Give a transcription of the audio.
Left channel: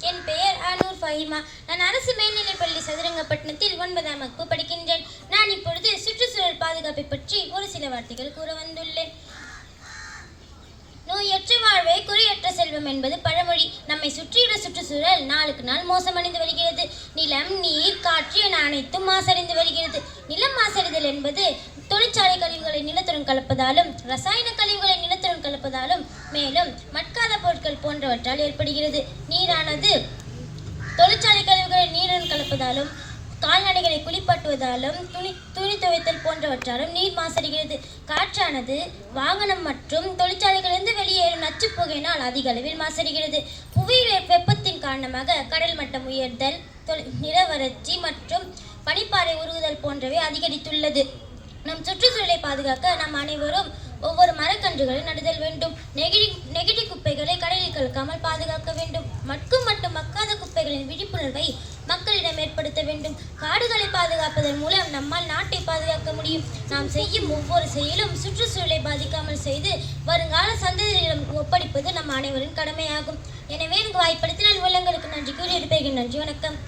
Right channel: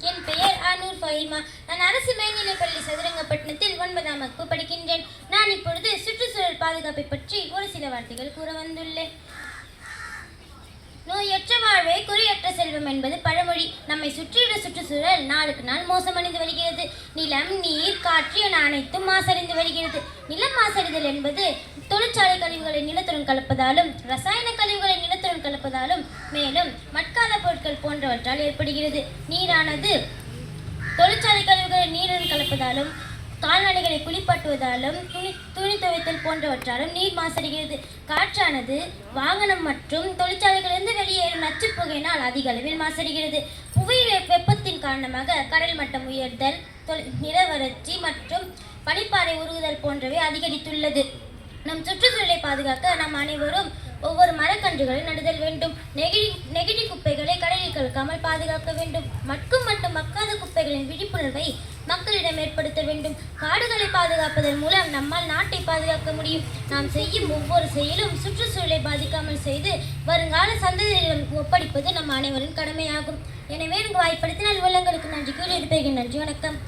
என் பெயர் ஆனூர் ஃபஹிமா. நான் அரசு மேல்நிலைப்பள்ளி சதுரங்கப்பட்டினத்தில் ஒன்பதாம் வகுப்பு படிக்கின்றேன். நான் இப்பொழுது சுற்றுச்சூழல் பாதுகாப்பை பற்றி ஒரு சில வார்த்தைகள் கூற வந்துள்ளேன். நோயற்ற வாழ்வே குறியற்ற செல்வம் என்பது பழமொழி. நம்மை சுற்றியுள்ள சுற்றுச்சூழல் நாளுக்கு நாள் மோசமடைந்து வருகிறது. நிலம் நீர் காற்று என அனைத்தும் மாசடைந்து வருகிறது. நிலம் மாசடைதல் என்பது தொழிற்சாலை கழிவுகளை நிலத்துடன் கலப்பதாலும் ரசாயன கழிவுகளை நிலத்துடன் கலப்பதாலும் மேலும் மட்கால பொருட்கள் போன்றவற்றால் ஏற்படுகிறது. நீரானது தொழிற்சாலை கழிவுகளை நீருடன் கலப்பதாலும் கால்நடைகளை குளிப்பாட்டுவதாலும் துணி துணி துவைத்தல் போன்றவற்றாலும் நீர் மாசடைகிறது. காற்றானது வாகனம் மற்றும் தொழிற்சாலைகளிலிருந்து வெளியேறும் நச்சு புகையினால் அதிக அளவில் மாசடைகிறது. புவி வெப்பத்தின் காரணமாக கடல் மட்டம் உயர்தல் தொல்- நிலவறட்சி மற்றும் பனிப்பாறை உருகுதல் போன்றவை அதிகரித்துள்ளது. நம் சுற்றுச்சூழலை பாதுகாக்க நாம் அனைவரும் ஒவ்வொரு மரக்கன்றுகளை நடுதல் வேண்டும். நெகிழி நெகிழி குப்பைகளை கடலில் கலக்காமல் பாதுகாக்க வேண்டும். மட்கும் மட்டும் மக்காத குப்பைகளின் விழிப்புணர்வை மக்களிடம் ஏற்படுத்த வேண்டும். காடுகளை பாதுகாப்பதன் மூலம் நம்மால் நாட்டை பாதுகாக்க முடியும். நாம் செய்யும் ஒவ்வொரு செயலும் சுற்றுச்சூழலை பாதிக்காமல் செய்து வருங்கால சந்ததியிடம் ஒப்படைப்பது நம் அனைவரின் கடமையாகும். எனவே எனக்கு வாய்ப்படுத்தினால் உள்ளங்களுக்கு நன்றி கூறி இருப்பேன் நன்றி வணக்கம்.